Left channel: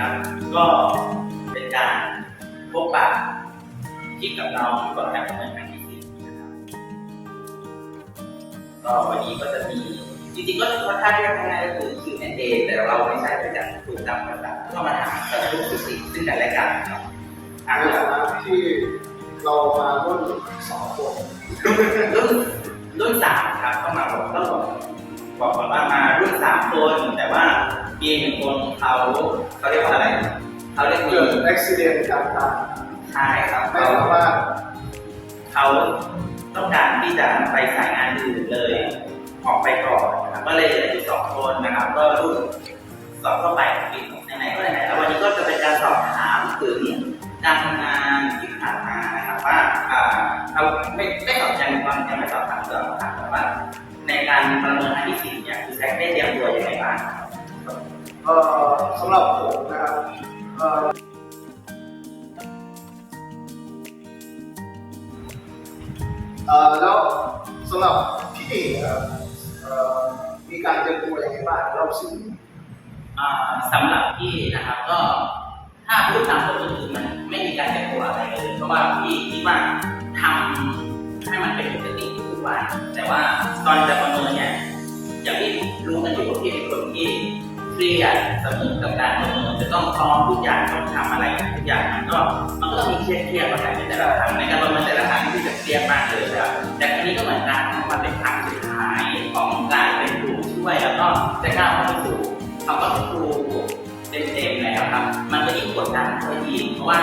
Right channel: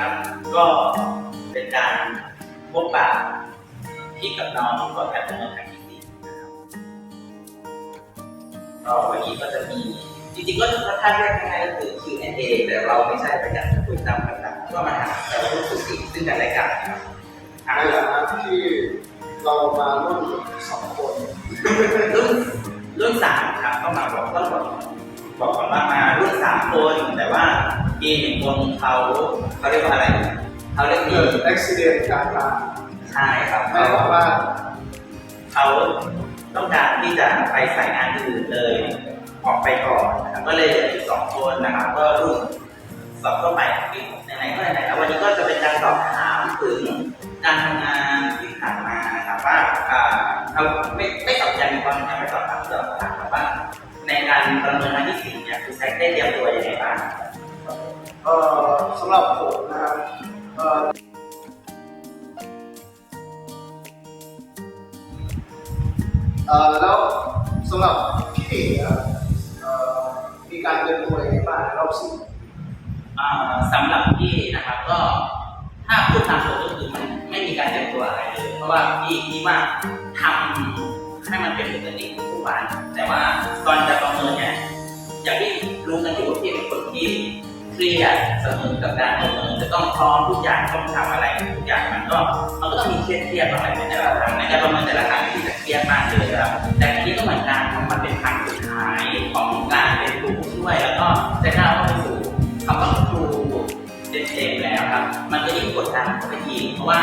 ครับ ก็เป็นการพบปะพี่กับน้องก่อนการปะเมินครั้งที่สี่นะครับก็วันนี้ก็จะมีจริงๆก็ค่อนข้างที่จะง่ายก็คือ Q&A แต่เราไม่ใช่ไปจัดคุยตามภาษาก็มาถามแต่พูดคุยซึ่งกันและกันนะครับทในฐานะที่เรามารุ่นสองคนรุ่นรุ่นสามครับก็มาบอกต้องบอก บอกก่อนว่ามารุ่นสามคน แต่ว่ามีหนึ่งคนเขาเขาเรียกว่าอะไร เขาเรียกมีเกิดอุบิเหตุการตายใช่ครับไม่เขาสามารถเขาต้องการที่จะไปสายงานอื่นเลย ออกไปก่อนนะครับก็เลยเหลืออยู่สองคนนะครับ ก็รุ่นสอบเข้าไปไหนๆก็ไหนๆแล้ววันนี้ก็จะเป็นการสอบถามถึงการทำงานที่ผ่านมานะครับว่าอ่าเราไม่ไม่สอบยังความยังไม่สอบถามสอบถามแต่ว่า ในการประเมินครั้งที่สี่เนี่ยคุณแซคได้เตรียมตัวยังไงบ้างครับเอ่อสำหรับผมนะครับเอ่อเอ่อแล้วสำหรับพี่นะครับเอ่อมีการเตรียมตัวยังไงบ้างในรอบสี่อ่าสำหรับพี่นะครับก็ถ้าพูดตามตรงก็คือมันไม่มีการเตรียมตัวอะไรเลย เพราะว่าพี่คิดว่าทำันแต่ว่าตอนจะประเมินเนี่ยอย่างที่รู้กันอยู่ว่าพี่เป็นคนที่เครียดเสมอกับการประเมินจะต้องพร้อมทุกอย่างต้องทำอะไรทุกอย่างมันก็มันก็ต้องมีเครียดเครียดๆบ้างแหละในแต่ละครั้งในการประเมินแต่ละครั้งที่จะเครียดมากเลยครับแต่ทีนี้ก็เหมือนกันมันเป็นครั้งสุดท้ายของการเป็นครูผู้ช่วยแล้วก็จะก้าวเข้าไปสู่คำว่าครูเต็มๆแล้วครับ มันก็ยิ่งกดดันเข้าไปอีกเพราะว่า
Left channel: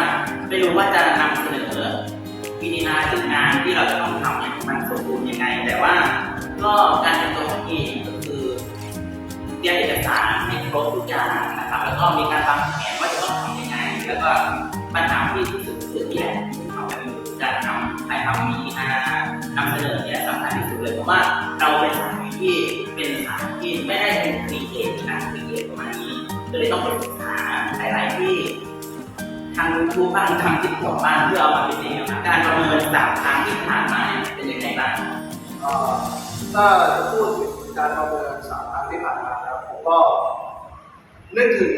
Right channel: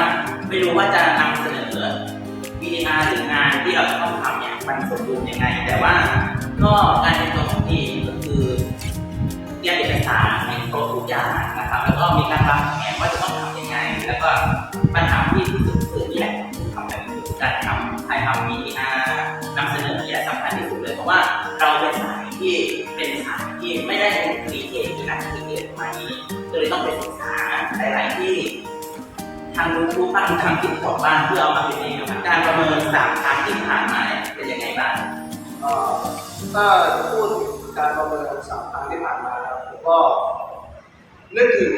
ไม่รู้ว่าจะนำเสนอ วิดีอาหรืองานที่เราต้องทำเนี่ยมันสมบูรณ์ยังไง แต่ว่าก็การเตรียมตัวของพี่ก็คือเตรียมเอกสารให้ครบทุกอย่างนะครับ แล้วก็มีการวางแผนว่าจะต้องทำยังไง แล้วก็ปัญหาที่ที่สุดคือนี่แหละที่ทำกันอยู่การทำถ่ายทำวีดีอานำเสนอเนี่ยสำคัญที่สุดเลยเพราะว่าเราเป็นสายที่เป็นสายที่ไม่ได้เป็นครีเอทหรือนักครีเอทประมาณนี้ก็เลยต้องไปศึกษาหลาย ๆ ที่ ทางยูทูบบ้างทางทิกตอกบ้างเพื่อเอามาเป็นเองนะครับการประเมินสามครั้งที่ผ่านมาเนี่ยเป็นยังไงบ้างเอ่อถ้าจะพูดถึงการประเมินสามครั้งที่ผ่านมานะครับผมก็นึกถึง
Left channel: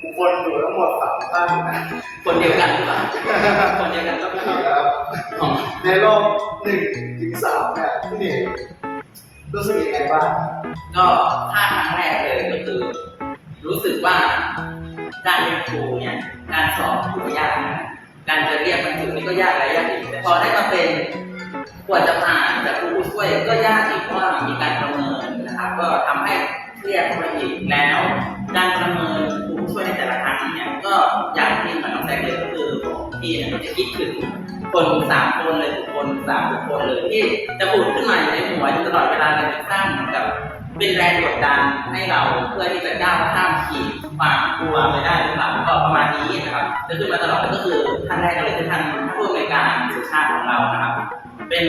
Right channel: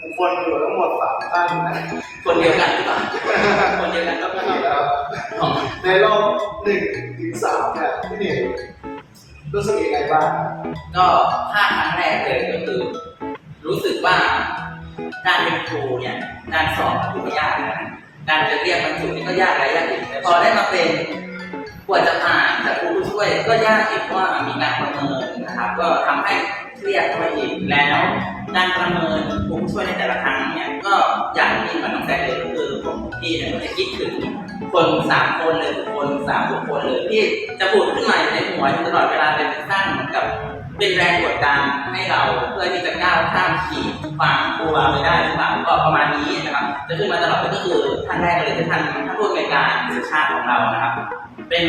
บุคคลอยู่ทั้งหมดสามท่านนะคนเดียวกันหรือเปล่าคนเดียวกันก็นะคือครับของในรอบหนึ่งถึงสามเนี่ยพี่เน่งรู้สึกยังไงบ้างก็ถ้าครั้งแรกเลยก็คือ รู้สึกว่า การเป็นครูเนี่ยการสอบถือว่ายากนะการจะเรียกบรรจุนี่ก็ยากและยากอีกพอได้มาเป็นกว่าจะผ่านจากครูผู้ช่วยก็ยากอีกว่ามีการประเมินนะครับ ก็ทำให้เครียดเข้าไปอีกแล้ว การประเมินครูผู้ช่วยในแต่ละครั้งเนี่ยก็อย่างที่เหมือนน้องแซคเลยก็คือผมพี่เนี่ยก็จะคิดถึงคนสามคนเลยบุคคลสามบุคคลเลยที่จะผุดขึ้นมาอยู่ในหัวอยู่ตลอดเวลาเลยจะสร้างเหมือนกับ เป็นแรงกดดันให้เราเพื่อที่จะก้าวข้ามขีดความกลัวไปได้หรือเปล่าก็ประมาณนี้นะครับ จะขึ้นมาตลอดก็คือท่านแรกเลยคือท่านท่านผู้อำนวยการสุชาติของเรานะครับ เป็น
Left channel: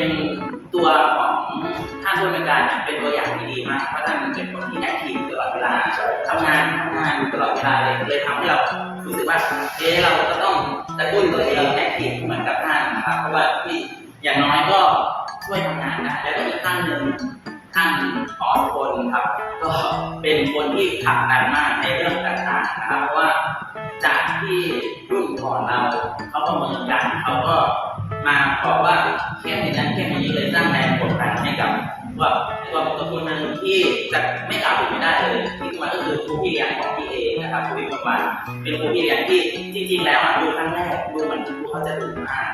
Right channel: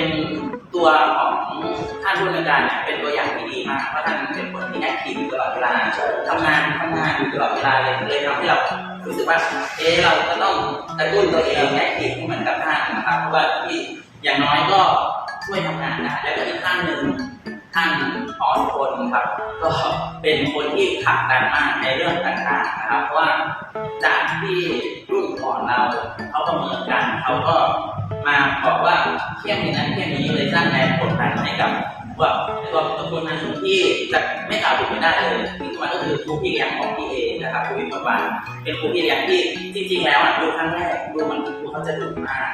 ตัวของท่านผู้อำนวยการเนี่ยเป็นตัวอย่างที่ดีมากเพราะท่านเป็นคนที่แอคทีฟตลอดเวลาทำงานทำงานอยู่ตลอดเวลาเลยเลยทำให้เรารู้สึกว่าเออเราก็ต้องกระตุ้นตัวเองแอคทีฟเหมือนกับท่านนะครับเพราะว่าที่อย่างน้อยก็ช่วยทำงานได้แล้วก็อีกท่านหนึ่ง ท่านขอทุกคนครับ ก็เป็นคนที่ขับดันมากในเรื่องต่างๆนะครับเพราะว่าจากที่รุ่นก่อนเราเขาประเมินกันเขาก็มาบอกว่าเข้มอย่างนั้นเข้มอย่างนี้เลยสร้างแรงกดดันให้กับ ว่าตัวตัวคนนั้นที่จะไม่กล่าวถึงไม่ได้เลยที่มันก็คือครูพี่เลี้ยงของพี่เอนะครับครูพี่ประวันเป็นครูพี่เลี้ยงที่จริง ๆ แล้วอะดูครั้งแรกดูเหมือนครูเขาจะดุมาก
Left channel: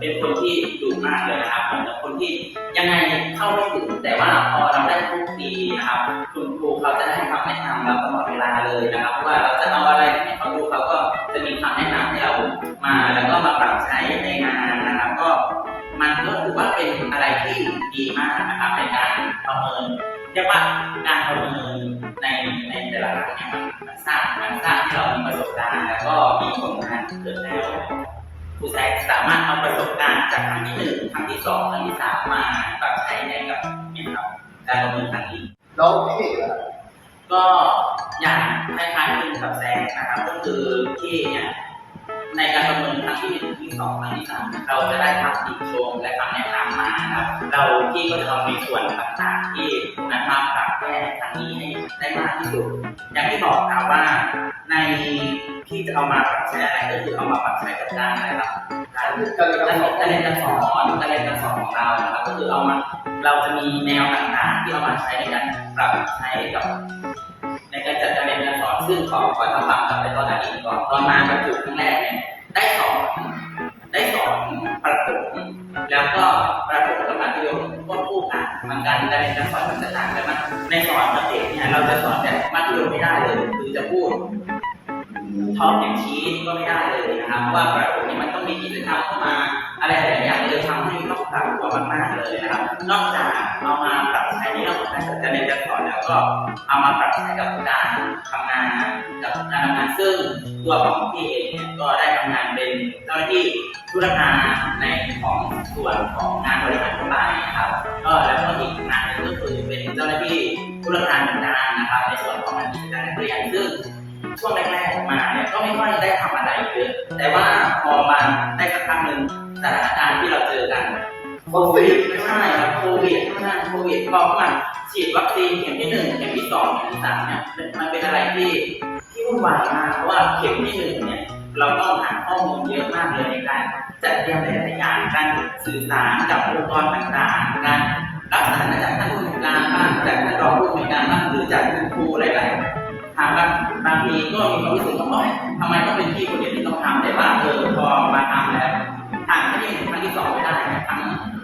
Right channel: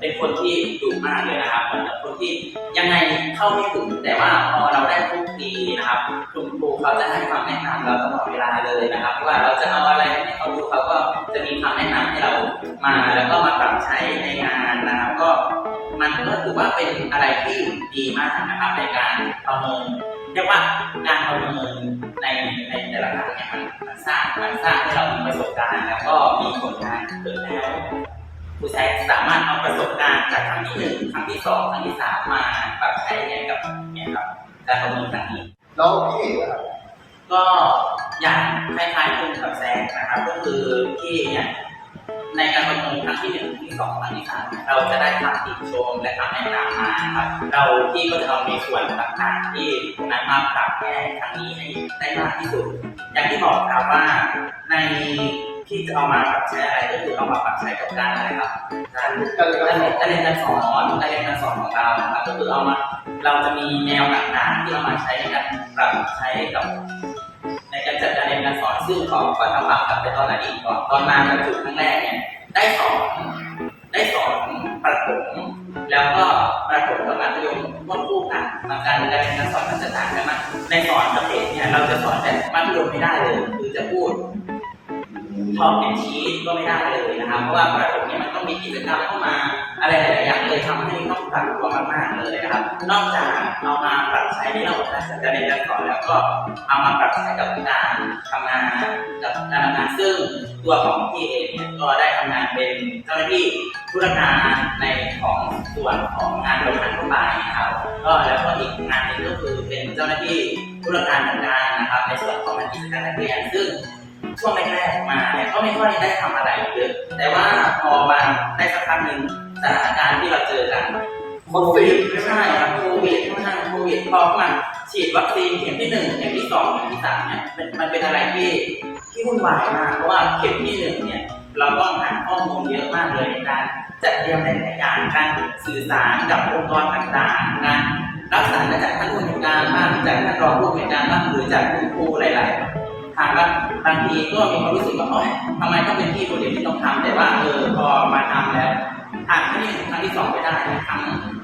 เป็นคนที่ดุมากเลยนะครับเหมือนกับคนที่ยังไงเข้าไม่ถึงแต่ว่าพอเราได้คลุกคลีนะครับคุณครูเขาจะให้คำแนะนำเราตลอดเวลาเลยนะครับว่าเราจะเอาอะไรให้เขาดูเขาก็จะมีคำแนะนำให้เรามา แล้วก็มาปรับใช้ในงานนะครับ ก็ มันก็ถือว่าเป็นอะไรที่ดีมากนะครับในการประเมินเรียกว่าการประเมินในในแต่ละครั้งเนี่ยมันมันสร้างมันสร้างให้เรามีประสบการณ์ แล้วก็มีผลงานเกิดแล้วครูแซคสามารถเอาประสบการณ์จากครั้งที่หนึ่งครั้งที่สองครั้งที่สามมาปรับใช้ในกับเนี่ยครับการประเมินครั้งนี้แล้วพี่เน่งล่ะก็อย่างคล้ายๆคุณกับแซคนะครับ ก็คือที่เนี่ย ในการประเมินครั้งที่หนึ่งที่สองครั้งที่สามเราจะได้คำติชมและคำแนะนำมาครับ เราที่ก็จะเอาในส่วนต่างๆที่นั้นมาปรับแก้ครั้งนี้ให้ได้มากที่สุด อย่างที่บอกครับว่าในที่จะเอามาปรับใช้อะไรก็คือเอามาปรับใช้กับการอะไรครับการการเรียนการสอนการเรียนการสอนของเราครับก็คือเอามาเราจะมีแนวต่างๆ ที่เอามาใช้ในการปรับใช้กับ การจัดการเรียนการสอนซึ่งขอขอทำความกลับไปตอนอดีตก่อนตอนมาบรรจุครั้งแรกเนี่ยได้สอนได้สอนประถมแล้วก็ประถมกับมัธยมควบคู่กันมันการเรียนการสอนมันจะต่างกันมากในสอนกับเด็กเนี่ยเราจะสอนแบบมัธยมไม่ได้เลยคือจะพูด ท็อปอย่างชีสก็ไม่ได้เลยนะครับ เพราะว่าประถมเนี่ยมันต้องมีกิจกรรมเข้ามา อะไรหลายๆอย่างเลยทำให้ต้องปรับตัวมากๆเลยนะครับ นอกจากเอามาปรับใช้ในรื่องของการจัดการเรียนการสอนแล้วก็เอามาปรับใช้กับการทำงานกับการทำงานซึ่งตัวของพี่เองเนี่ยก็ได้ทำงานเป็นเจ้าหน้าที่ธุรการในของส่วนของงานบริหารทั่วไปนะครับ ก็แล้วก็อีกงานหนึ่งก็คือเป็นเจ้าหน้าที่ธุรการเหมือนนนะครับ ในส่วนของงานกิจการนักเรียนซึ่ง ช่วงแรกๆมาเนี่ยก็ไม่ค่อยได้ทำอะไรเยอะแต่ว่าพอมาได้สักพักหนึ่งสถานการณ์ที่เราเจอกันโควิดไม่ใช่ครับโควิดไม่ใช่โควิดพอมาฉีดวัคซีนเข็มที่หนึ่งเข็มที่สองเข็มที่สามเนี่ยมันมันเป็นอะไรที่ที่วุ่นวายมากเพราะว่าเข็มที่หนึ่งเนี่ยเราต้องหาข้อมูลเยอะมากเลยในการจัดเตรียมหลายๆอย่างการสื่อสารกับองค์กรต่างๆ การรับสารมาจากท่านผู้อำนวยการบ้างจากท่านรองผู้อำนวยการบ้างหรือจากคุณครูหลาย ๆ ทางบางบางทีก็มีความรู้สึกว่าเอ้ยทำไมต้องเป็นพี่คนเดียวที่ต้องทำแต่ว่าเออพอมาทำแล้วทางที่หนึ่งทางที่สองไม่ได้นี่ยทั้ง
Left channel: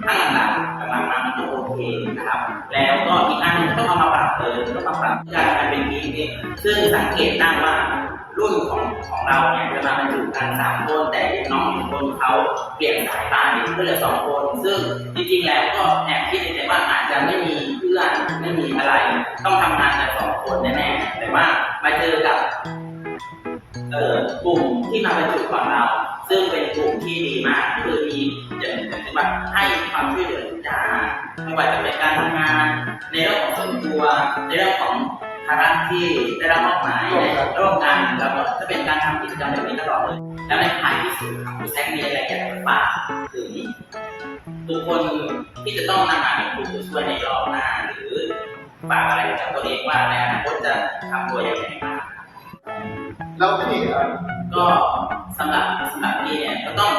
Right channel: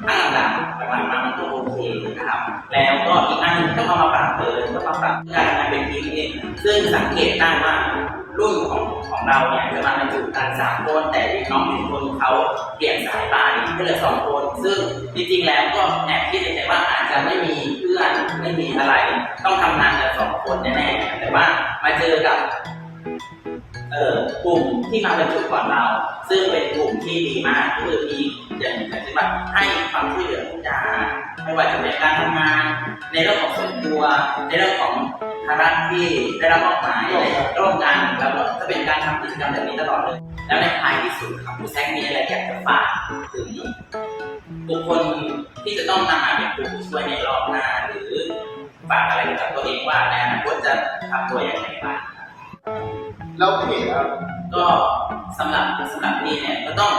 ทั้งหลังๆหลังๆมามันก็โอเคนะครับ แล้วก็อีกอันหนึงต้องเอามาปรับเลยต้องมาปรับการทำงานเป็นทีมเองซึ่งสังเกตได้ว่ารุ่นของของเราเนี่ยจะมาบรรจุกันสามคนแต่น้องหนึ่งคนเขาเปลี่ยนสายไปก็เหลือสองคน ซึ่งจริงๆแล้วก็แอบคิดในใจว่าอาจจะไม่มีเพื่อนไม่มีอะไร ต้องทำงานกันสองคนแน่ๆแต่ ว่ามาเจอกับเอ่อกลุ่มที่มาบรรจุก่อนเรา ซึ่งเป็นกลุ่มที่ดีมากคือมีอย่างอย่างที่ว่าให้ความช่วยเหลือทุกอย่างไม่ว่าจะเป็นการทำงาน ในเรื่องของส่วนตัว ในเรื่องของภาระที่ได้รับมอบหมายในร่วมกันแล้วก็จะเป็นการทำกิจกรรมแบบนี้ตลอดเลย แล้วในท้ายที่สุดครับคุณแซคมีอะไรอยากจะฝากถึงบุคคลที่จะต้องนำมาเป็นครูผู้ช่วยในรอบหน้าหรือ ฝากอะไรกับตัวเองว่าในอนาคตจะทำตัวอย่างไรบ้างครับแล้วพี่เอ่อก็สำหรับสำหรับพี่เนี่ยก็ต้อง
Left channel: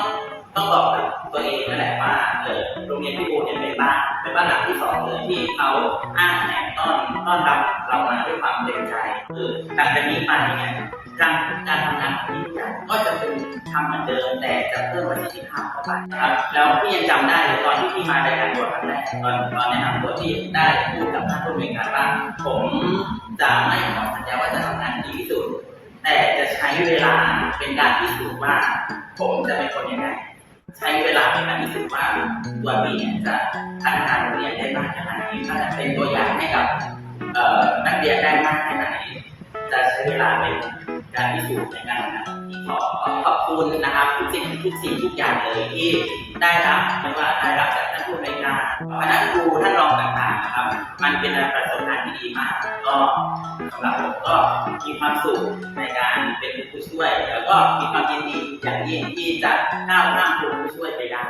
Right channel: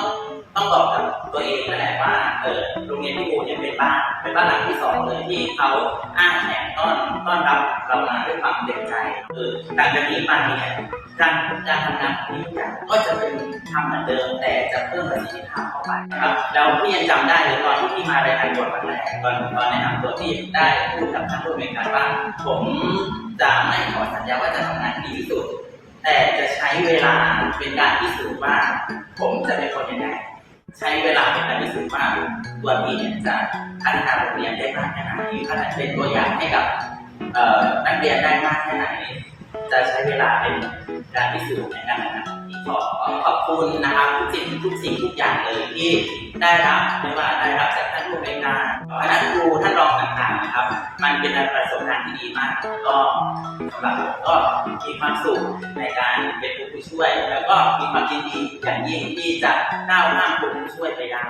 ต้องบอกกับตัวเองนั่นแหละว่าเออโรงเรียนพี่บูเนี่ยเป็นบ้านเป็นบ้านหลังที่สองเลยที่เขาอ้างแขนต้อนต้อนรับเรามาด้วยความเต็มใจเออหลังจากนี้ไปเนี่ย การการทำงานของพี่ทุกอย่างก็จะเป็นทำเหมือนเดิม แต่จะเพิ่มประสิทธิภาพเข้าไปนะครับแล้วพี่ยังจำได้เลยตอนที่พี่มารายงานตัวครั้งแรกตอนตอนแนะนำตัวที่ได้พูดกับท่านผู้อำนวยการว่าผมจะไม่ขอสัญญาว่าจะทำงานดีที่สุด แต่จะใช้เวลาเป็นการพิสูจน์ว่า ผมจะเป็นคนยังไงใช้เวลาเป็นการพิสูจน์ว่าตัวพี่เนี่ยจะพัฒนาโรงเรียนได้มากแค่ไหนพัฒนาเป็นตัวอย่างให้กับนักเรียนได้มากแค่ไหน จะใช้เวลาเป็น การพิสูจน์ในการนของพี่ขอขอบคุณนะครับทุกสิ่งทุกสิ่งทุกอย่างเลยที่ได้รับไม่ว่าได้รับจากท่านผู้อำนการคณะครูท่านรองต่างๆนะครับ มันเป็นประสบการณ์ที่ดีมาก ก็สำหรับผมก็มีความสุขในการเป็นผู้ช่วย แล้วก็มีความยินดีอย่างยิ่งที่จะก้าวข้ามผู้ช่วยไปได้